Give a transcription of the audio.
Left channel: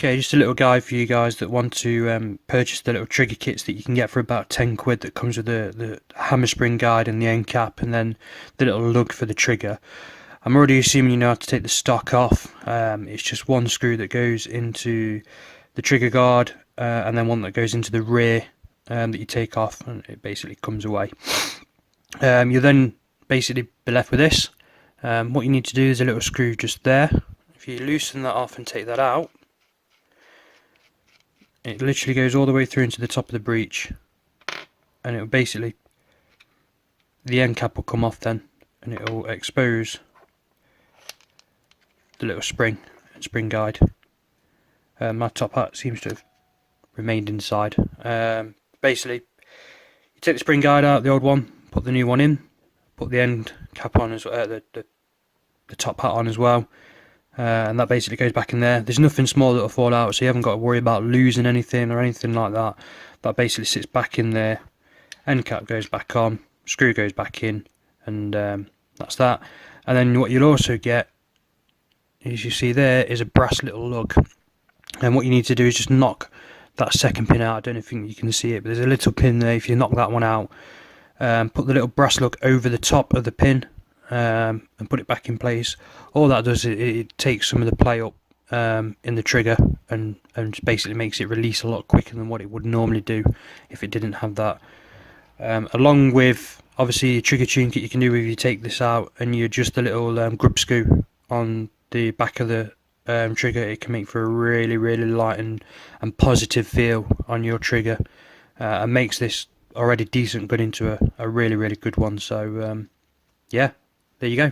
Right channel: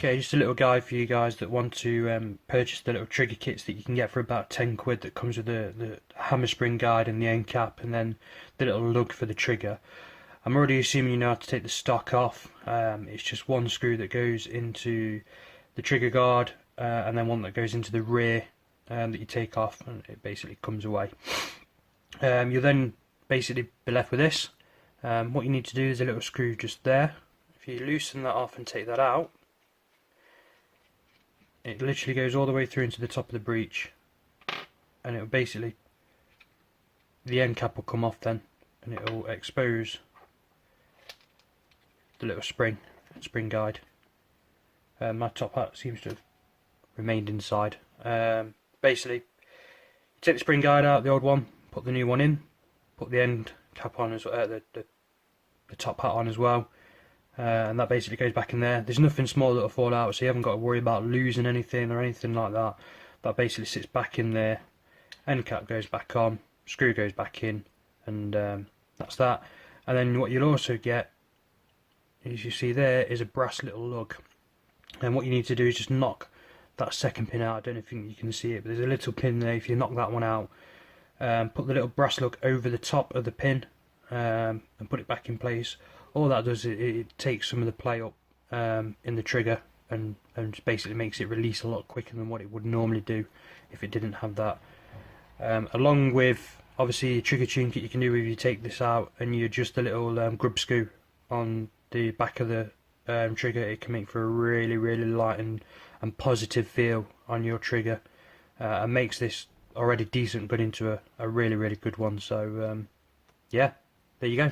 Okay, just a little guide for you guys that want to purchase the little trigger kits that you can get for about 10 quid, that comes with the hammer spring guide and the end cap and then the little lug for the trigger. I'm already assuming you know how to take the stock off. It's just one screw that goes into the trigger guard and then one that goes into the rear that you take off, and it basically comes away. You'll then basically be left with this. What you need to do is a little screw just there. If you loosen that off and take that out, it literally goes all the way through into the top of the breech, and it will basically, the end cap will come off then, and it will expose the little spring and spring guide. My top hat seems to have remained inside. Basically, you take the spring guide out, the old one, put the new one in, put the end cap on as well, the top hat on as well. And that basically goes back in there. There's nothing small that will fall out, so you haven't got to worry about losing anything or anything like that. That basically sits back in there. End cap goes back on, screw goes back in, and that's that. And then what you'll also get, as you see there, is a brass little lug. And what you need to do is just knock that second pin out. I don't know if you can see it, but there's a little pin there. If you knock that one out, put the little brass lug over the top of the pin, and put it back in place. All that does is it takes some of the play up in the trigger and basically makes it release a lot quicker than what it would normally do if it didn't have that. Along with obviously a trigger tune kit you can do if you take this out and you adjust the little grub screw on the back of the trigger. It can make for a really light and positive feel on your trigger, and makes this already decent good into a really good one. So yeah, there you go.